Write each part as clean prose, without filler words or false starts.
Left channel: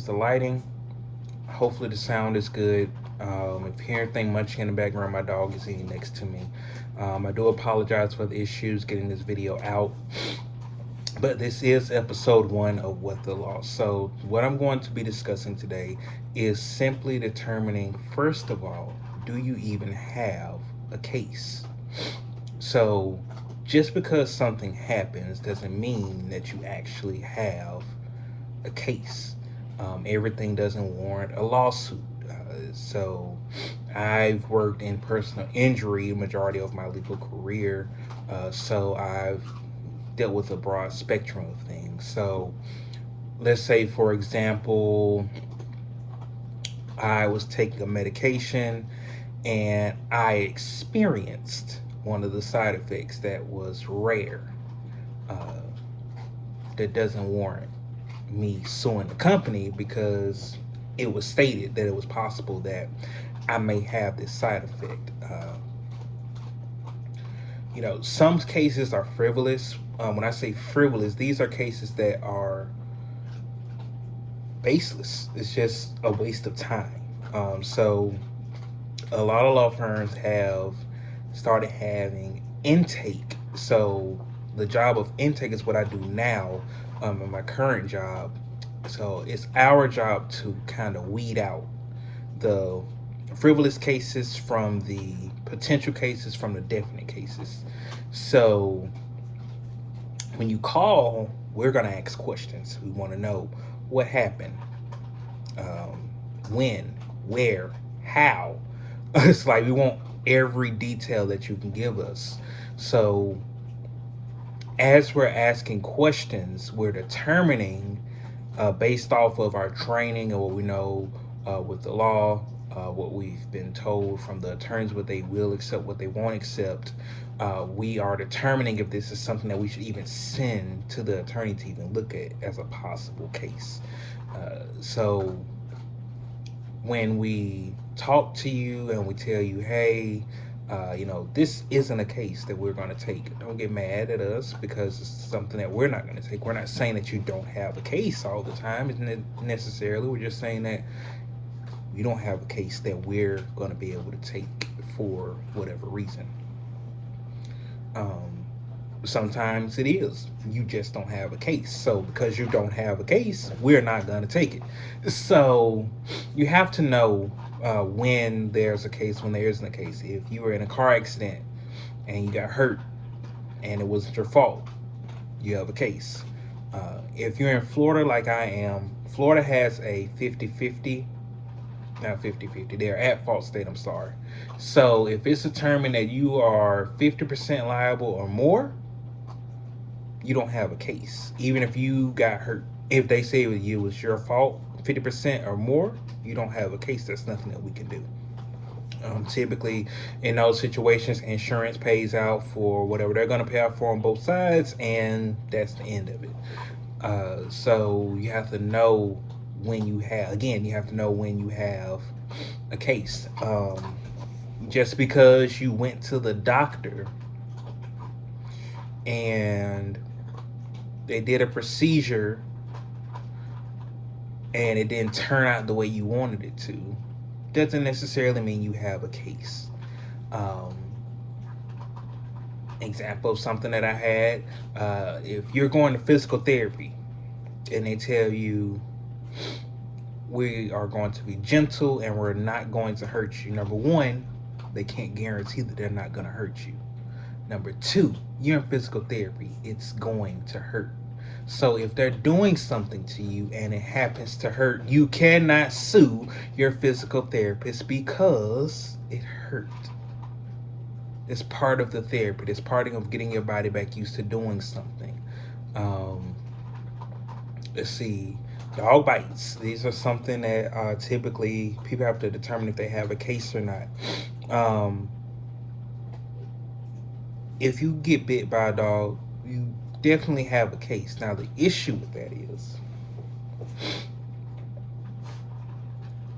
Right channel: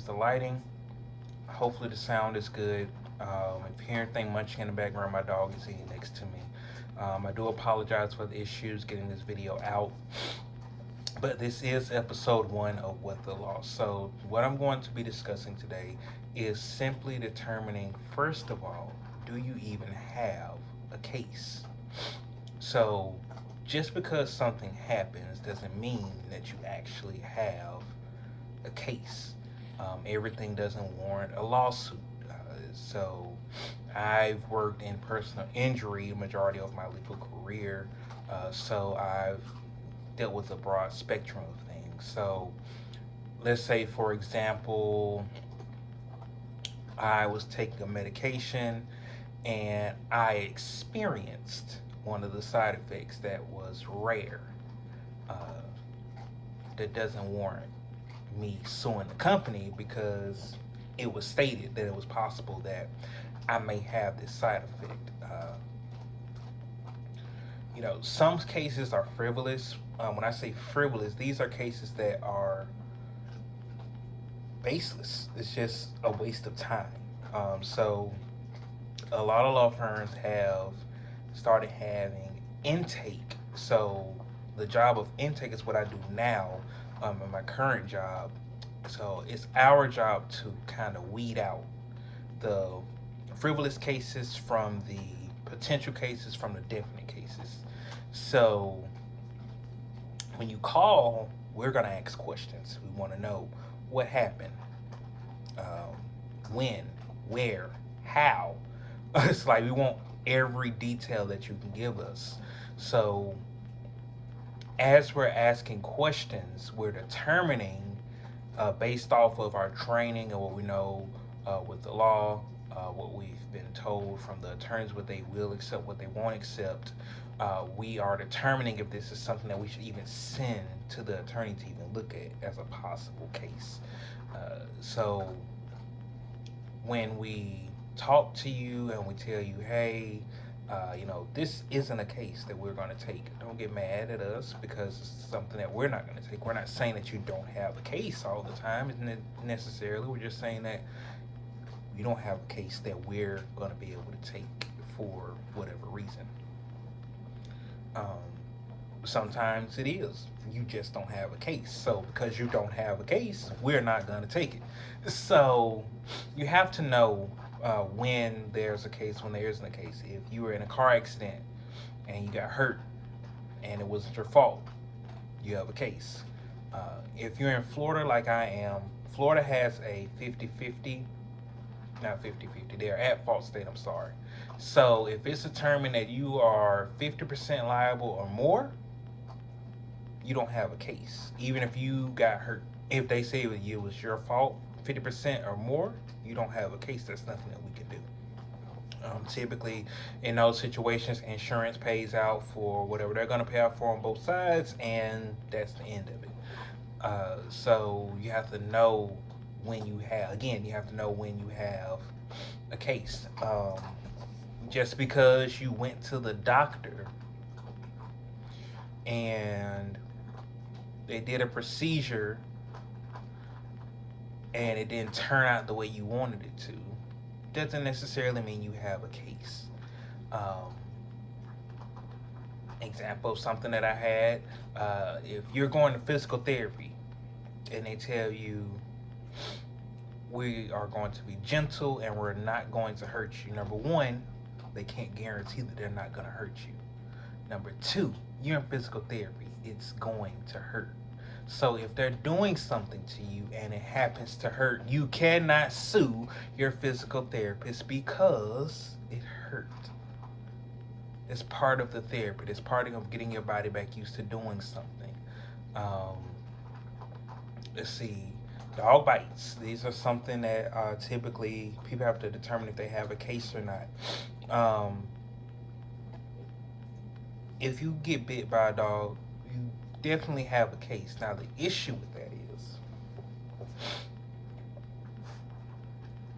excuse the lighting. Hopefully the sound is good. If you hear anything munching in the background, my dog is eating next to me. I do apologize for the issues getting this video out, but this is episode one of What the Law. So, what I'm going to be discussing today is simply determining, first of all, do you even have a case? So, just because something happens doesn't mean that you actually have a case. Everything doesn't warrant a lawsuit. So, I've worked in personal injury majority of my legal career. So, I've dealt with a broad spectrum of things. So, let's say, for example, I was taking a medication and I experienced one of the side effects that was rare, uh, that doesn't warrant me suing the company because it was stated that it was possible that I may have this side effect. Some cases are frivolous. When I say frivolous, these are cases that are baseless. It's just a waste of time. So a lot of law firms have started having intake. So the job of intake is what I do now, in my current job. So it's our job to kind of weed out the frivolous cases from the potential cases from the definite cases. So when you call, we're going to ask questions. We want to know what happened, um, when, where, how. It's like we want every detail that you can give us. So as we're asking questions, we're determining, based off of our training and what we know with the law, what we've been told from the attorneys, what they will accept, what they won't accept. We are determining if this is something that we should even send to the attorney to even look at as a possible case. So when we talk to you and we tell you, hey, this isn't a case that we're going to take. Don't get mad at us because it's something that we're not going to take. We're not saying that you don't have a case all the time, isn't it necessarily? We're just saying that you don't have a case that we're going to be able to take for whatever reason. Um, Sometimes it is you just don't have a case. So because you don't have a case, we're not going to take it. So you have to know when there's a case, when there isn't a case. If you were in a car accident and you got hurt and it wasn't your fault, you have a case. If you're in Florida like I am, Florida has a 50-50, not 50-50, they're at fault state, I'm sorry. So if it's determined that you are 50% liable or more, you don't have a case. Even if you got hurt, if they say it was your fault, 50% or more, you don't have a case. That's nothing that we can do. Typically, in those situations, insurance pays out for whatever they're going to pay out for on both sides, and that's the end of it. So you have to know when you have, again, you have to know when you have a case. Just because you went to the doctor and they did a procedure and it didn't turn out the way you wanted it to, doesn't necessarily mean you have a case. Um, Example of something that I had, if you're going to physical therapy and they tell you we are going to be gentle and we're not going to hurt you, number one, they can't guarantee that they're not going to hurt you. Number two, you're in physical therapy, it's going to hurt. So if they're doing something to you and it happens to hurt, you cannot sue your physical therapist because it hurt. It's part of the therapy. It's part of getting your body back used to doing something. Um, let's see. Dog bites. These are something that typically people have to determine if they have a case or not. Um, if you get bit by a dog, you definitely have a case. Now, the issue with that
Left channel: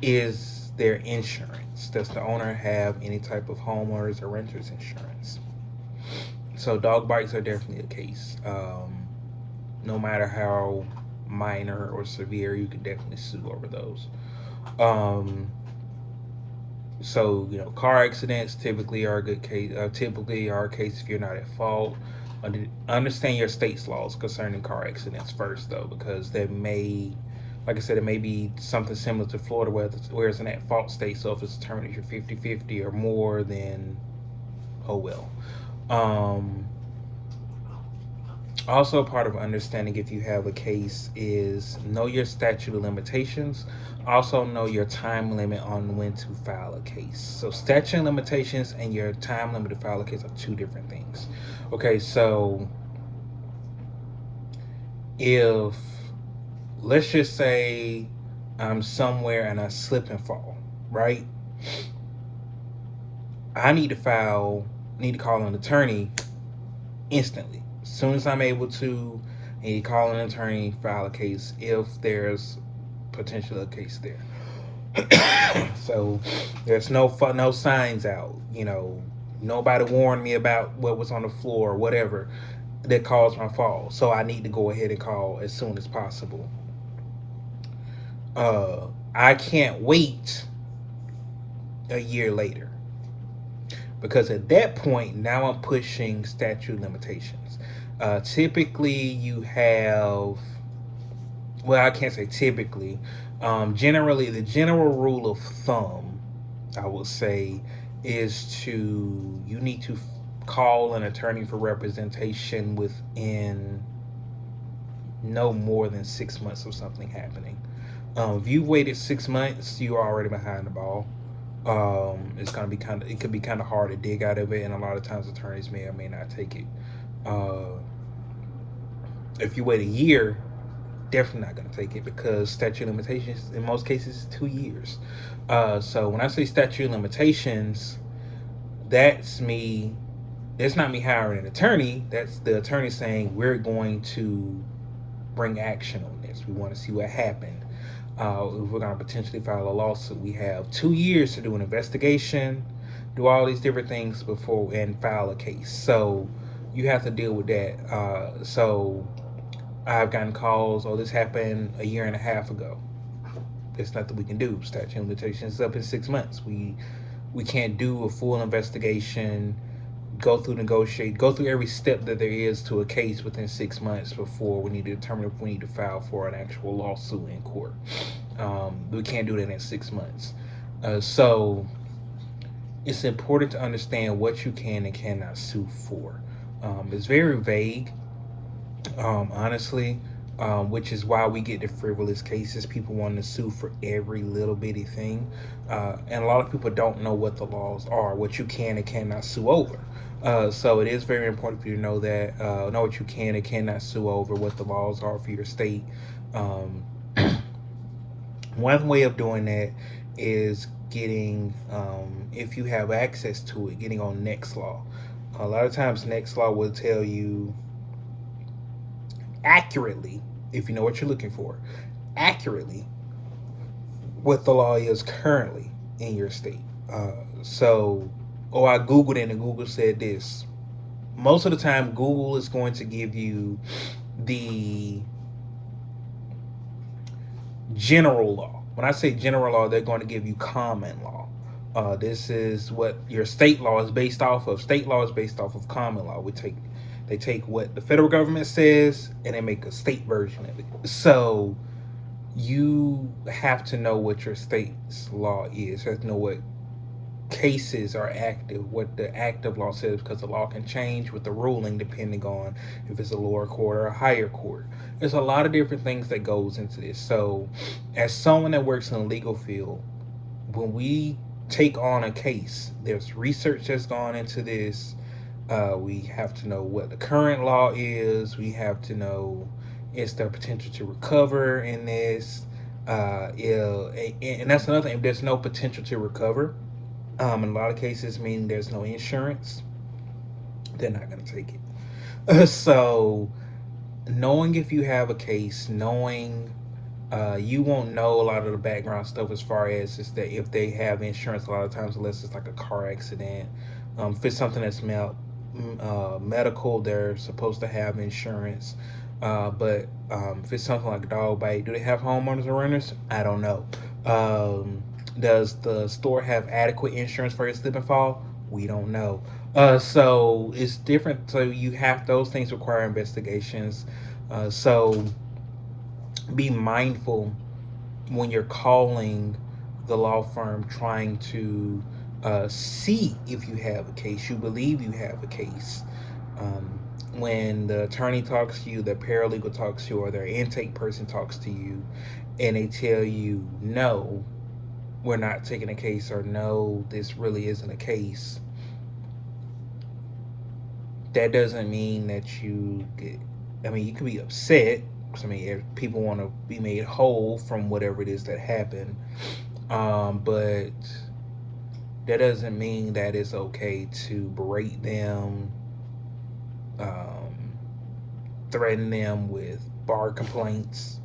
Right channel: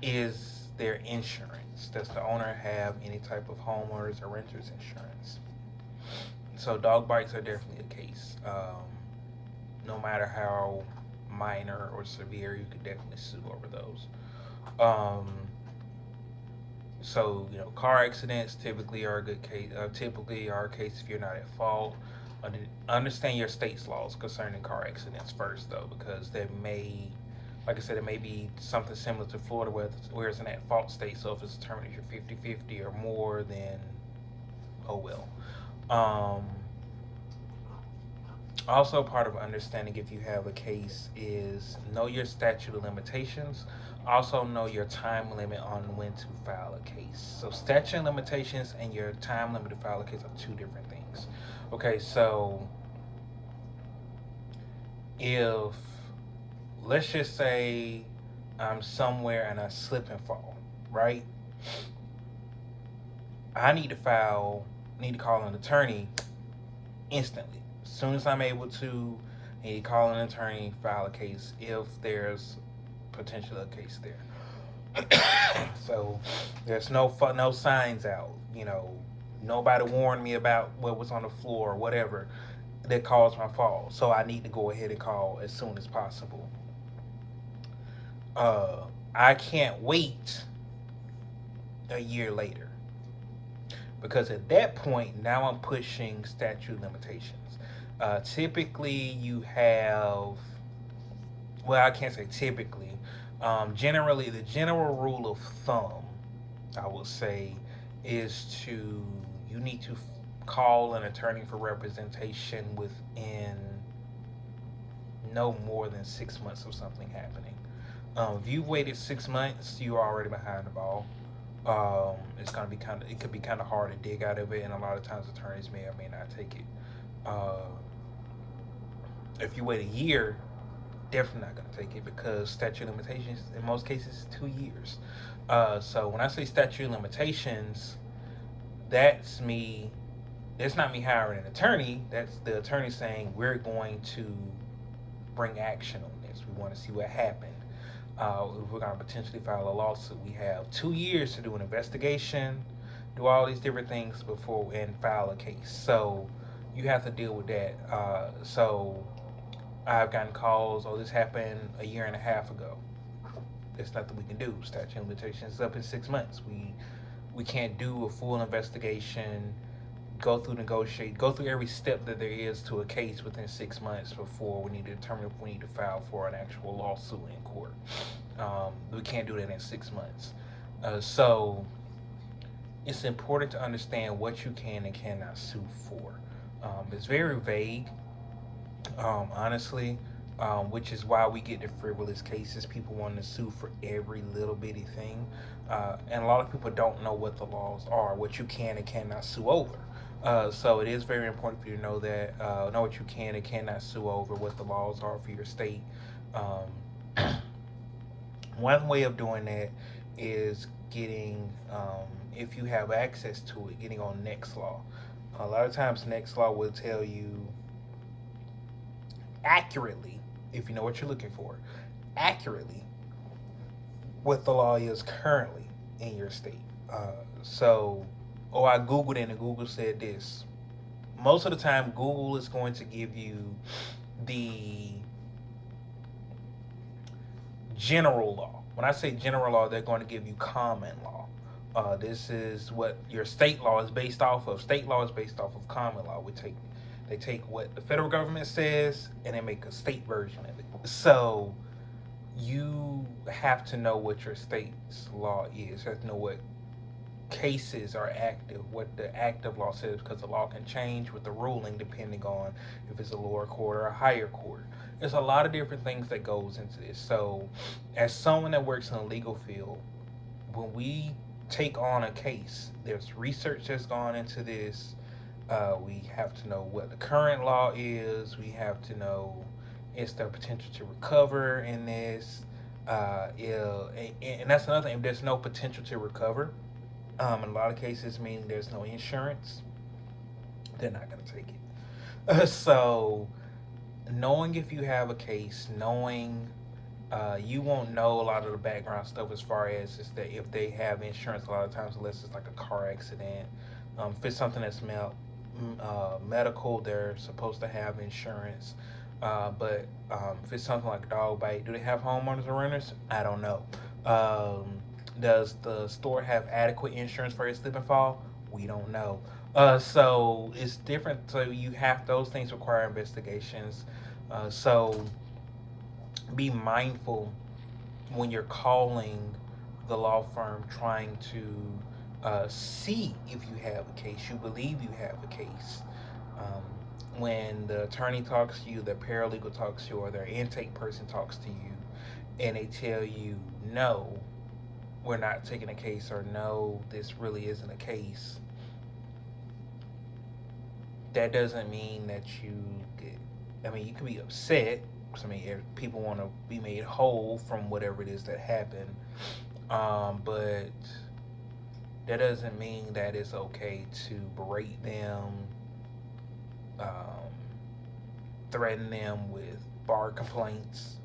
is their insurance. Does the owner have any type of homeowners or renters insurance? So dog bites are definitely a case. No matter how minor or severe, you can definitely sue over those. Um, so car accidents typically are a good case. Typically are a case if you're not at fault. Understand your state's laws concerning car accidents first, though, because there may, like I said, it may be something similar to Florida where it's an at fault state. So if it's determined that you're 50-50 or more, then oh well. Um, Also, part of understanding if you have a case is know your statute of limitations. Also, know your time limit on when to file a case. So, statute of limitations and your time limit to file a case are two different things. Okay, so if let's just say I'm somewhere and I slip and fall, right? I need to call an attorney instantly. As soon as I'm able to, I need to call an attorney, file a case if there's potential a case there. So there's no signs out. Nobody warned me about what was on the floor or whatever that caused my fall. So I need to go ahead and call as soon as possible. I can't wait a year later because at that point now I'm pushing statute limitations. Typically, you have, well, I can't say typically. Generally, the general rule of thumb, I will say, is you need to call an attorney for representation within no more than 6 months of something happening. If you waited 6 months, you're already behind the ball. It could be kind of hard to dig out of it, and a lot of times attorneys may or may not take it. Uh, if you wait a year, definitely not going to take it because statute of limitations in most cases is 2 years. So when I say statute of limitations, that's me. That's not me hiring an attorney. That's the attorney saying we're going to bring action on this. We want to see what happened. If we're going to potentially file a lawsuit, we have 2 years to do an investigation, do all these different things before and file a case. So you have to deal with that. So I've gotten calls, oh, this happened a year and a half ago. There's nothing we can do. Statute of limitations is up in 6 months. We can't do a full investigation, go through every step that there is to a case within 6 months before we need to determine if we need to file for an actual lawsuit in court. We can't do that in 6 months. So it's important to understand what you can and cannot sue for. It's very vague, honestly, which is why we get the frivolous cases. People want to sue for every little bitty thing. And a lot of people don't know what the laws are, what you can and cannot sue over. So it is very important for you to know that, know what you can and cannot sue over, what the laws are for your state. One way of doing that is getting, if you have access to it, getting on Nextlaw. A lot of times Nextlaw will tell you accurately, if you know what you're looking for, accurately what the law is currently in your state. I Googled it and Google said this. Most of the time, Google is going to give you the general law. When I say general law, they're going to give you common law. This is what your state law is based off of. State law is based off of common law. They take what the federal government says and they make a state version of it. So you have to know what your state's law is. You have to know what cases are active, what the active law says, because the law can change with the ruling depending on if it's a lower court or a higher court. There's a lot of different things that goes into this. So as someone that works in the legal field, when we take on a case, there's research that's gone into this. We have to know what the current law is. We have to know is there potential to recover in this. And that's another thing. If there's no potential to recover, in a lot of cases, meaning there's no insurance, they're not going to take it. So knowing if you have a case, knowing you won't know a lot of the background stuff as far as is that if they have insurance a lot of times, unless it's like a car accident. If it's something that's medical, they're supposed to have insurance. But if it's something like a dog bite, do they have homeowners or renters? I don't know. Um, does the store have adequate insurance for your slip and fall? We don't know. So it's different. So you have those things require investigations. So be mindful when you're calling the law firm trying to see if you have a case, you believe you have a case. Um, when the attorney talks to you, the paralegal talks to you, or their intake person talks to you, and they tell you, no, we're not taking a case, or no, this really isn't a case, that doesn't mean that you get, I mean, you can be upset. 'Cause, I mean, if people want to be made whole from whatever it is that happened. But that doesn't mean that it's okay to berate them, um, threaten them with bar complaints.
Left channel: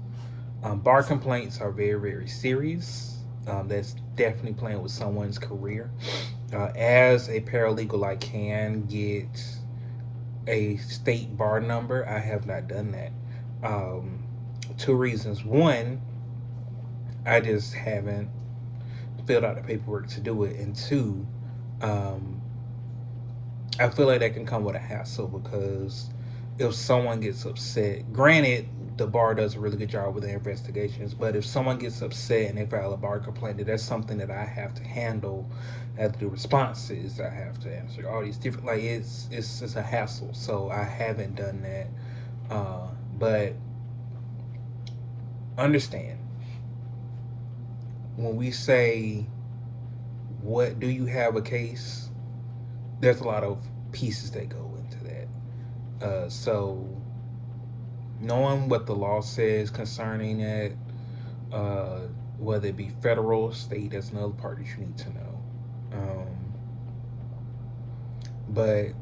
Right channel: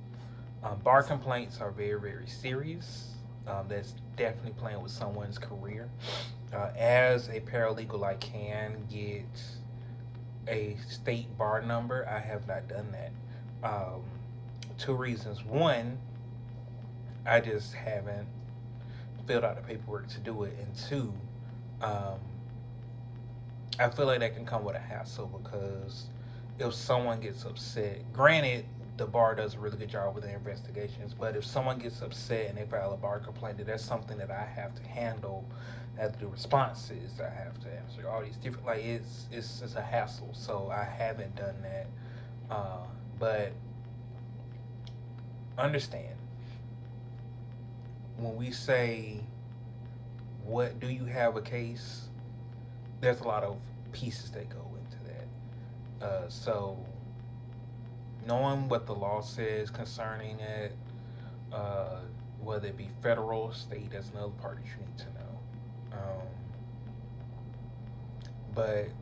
Bar complaints are very, very serious. That's definitely playing with someone's career. As a paralegal, I can get a state bar number. I have not done that. Um, Two reasons. One, I just haven't filled out the paperwork to do it. And two, um, I feel like that can come with a hassle because if someone gets upset, granted, the bar does a really good job with their investigations, but if someone gets upset and they file a bar complaint, that's something that I have to handle. I have to do responses. I have to answer all these different, like it's a hassle. So I haven't done that. But understand when we say, "What do you have a case?" There's a lot of pieces that go into that. So knowing what the law says concerning it, uh, whether it be federal, state, that's another part that you need to know. But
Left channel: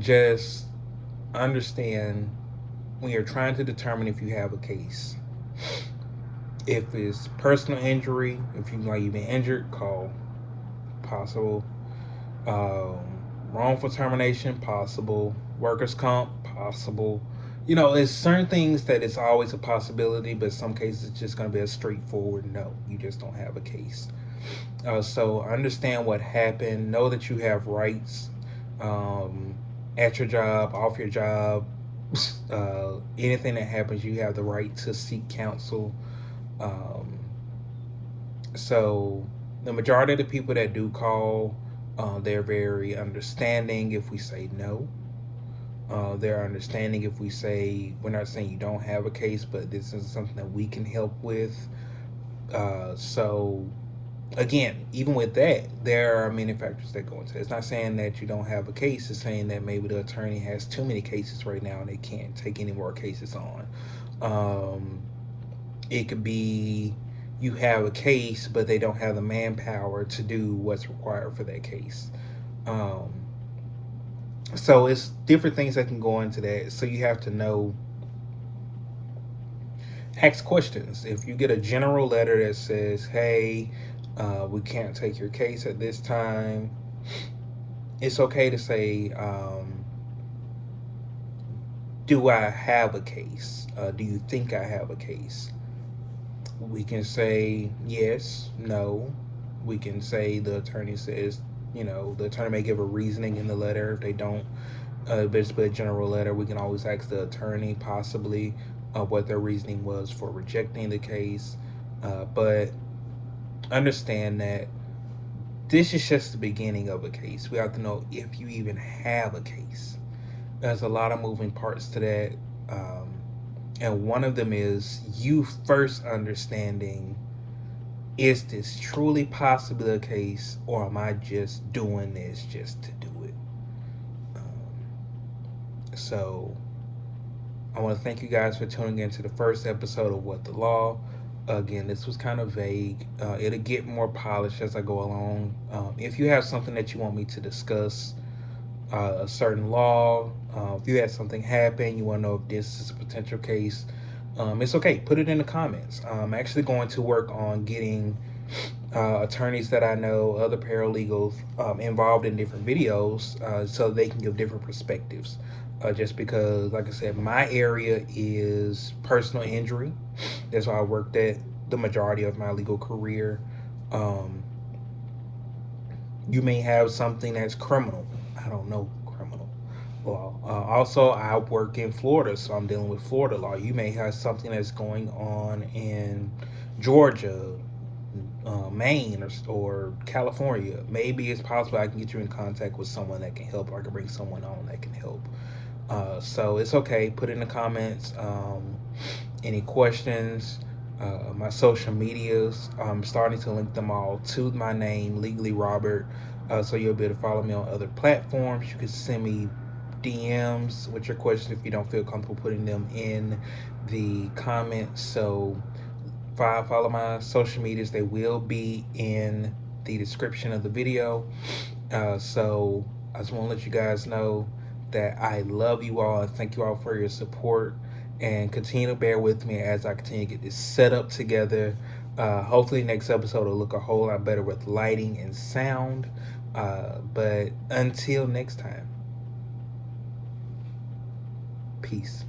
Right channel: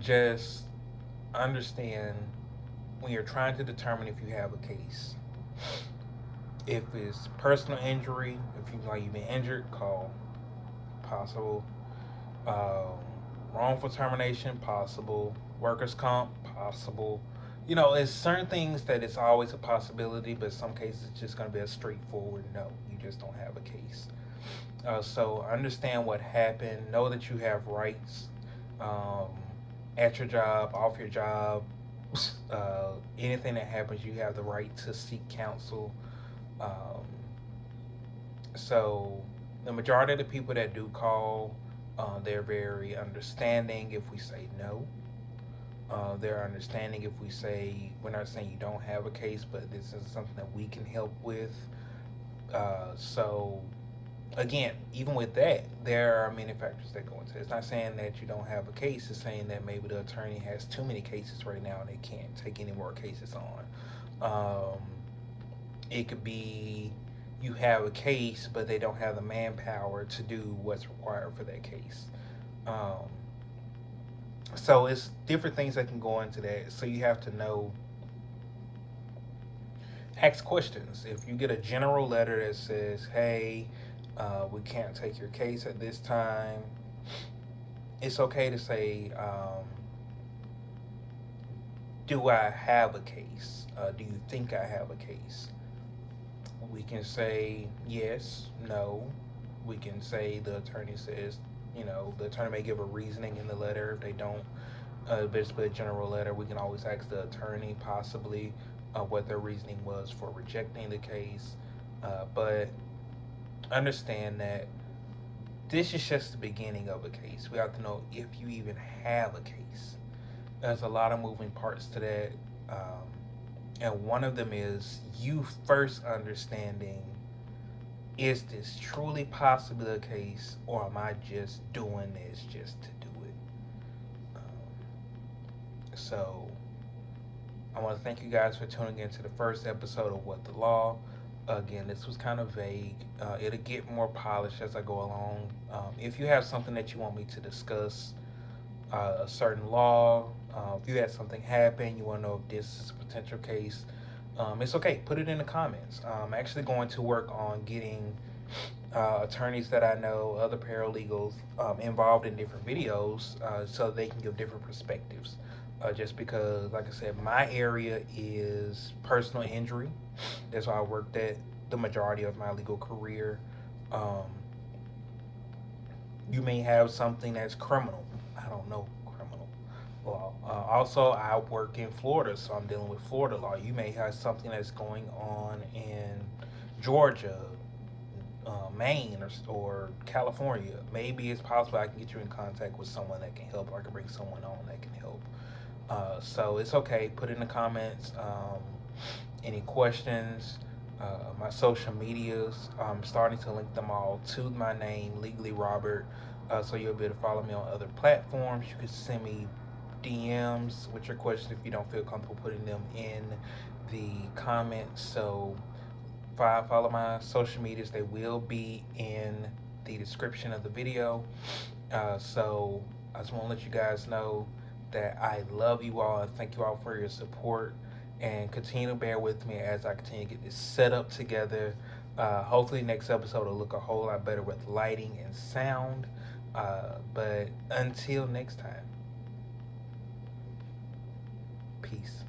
just understand when you're trying to determine if you have a case. If it's personal injury, if you like you've been injured, call. Possible. Um, Wrongful termination, possible. Workers' comp, possible. You know, it's certain things that it's always a possibility, but some cases it's just going to be a straightforward no. You just don't have a case. So understand what happened. Know that you have rights um, at your job, off your job. Anything that happens, you have the right to seek counsel. Um, so the majority of the people that do call, they're very understanding if we say no. They're understanding if we say we're not saying you don't have a case, but this is something that we can help with. So again, even with that, there are many factors that go into it. It's not saying that you don't have a case. It's saying that maybe the attorney has too many cases right now and they can't take any more cases on. It could be you have a case, but they don't have the manpower to do what's required for that case. Um, so it's different things that can go into that. So you have to know, ask questions. If you get a general letter that says, "Hey, we can't take your case at this time," it's okay to say, "Do I have a case? Do you think I have a case?" We can say yes, no. We can say the attorney says, the attorney may give a reasoning in the letter. If they don't, if it's a general letter, we can always ask the attorney possibly what their reasoning was for rejecting the case. But understand that this is just the beginning of a case. We have to know if you even have a case. There's a lot of moving parts to that. And one of them is you first understanding, is this truly possibly a case, or am I just doing this just to do it? So I want to thank you guys for tuning in to the first episode of What the Law. Again, this was kind of vague. It'll get more polished as I go along. If you have something that you want me to discuss, a certain law, if you had something happen, you want to know if this is a potential case, it's okay. Put it in the comments. I'm actually going to work on getting attorneys that I know, other paralegals, involved in different videos so they can give different perspectives. just because, like I said, my area is personal injury. That's why I worked at the majority of my legal career. Um, you may have something that's criminal. I don't know criminal law. Also, I work in Florida, so I'm dealing with Florida law. You may have something that's going on in Georgia, Maine, or California. Maybe it's possible I can get you in contact with someone that can help, or I can bring someone on that can help. So it's okay. Put in the comments any questions. My social medias, I'm starting to link them all to my name, Legally Robert. So you'll be able to follow me on other platforms. You can send me DMs with your questions if you don't feel comfortable putting them in the comments. So follow my social medias. They will be in the description of the video. So I just want to let you guys know that I love you all and thank you all for your support. And continue to bear with me as I continue to get this set up together. Hopefully, next episode will look a whole lot better with lighting and sound. But until next time, peace.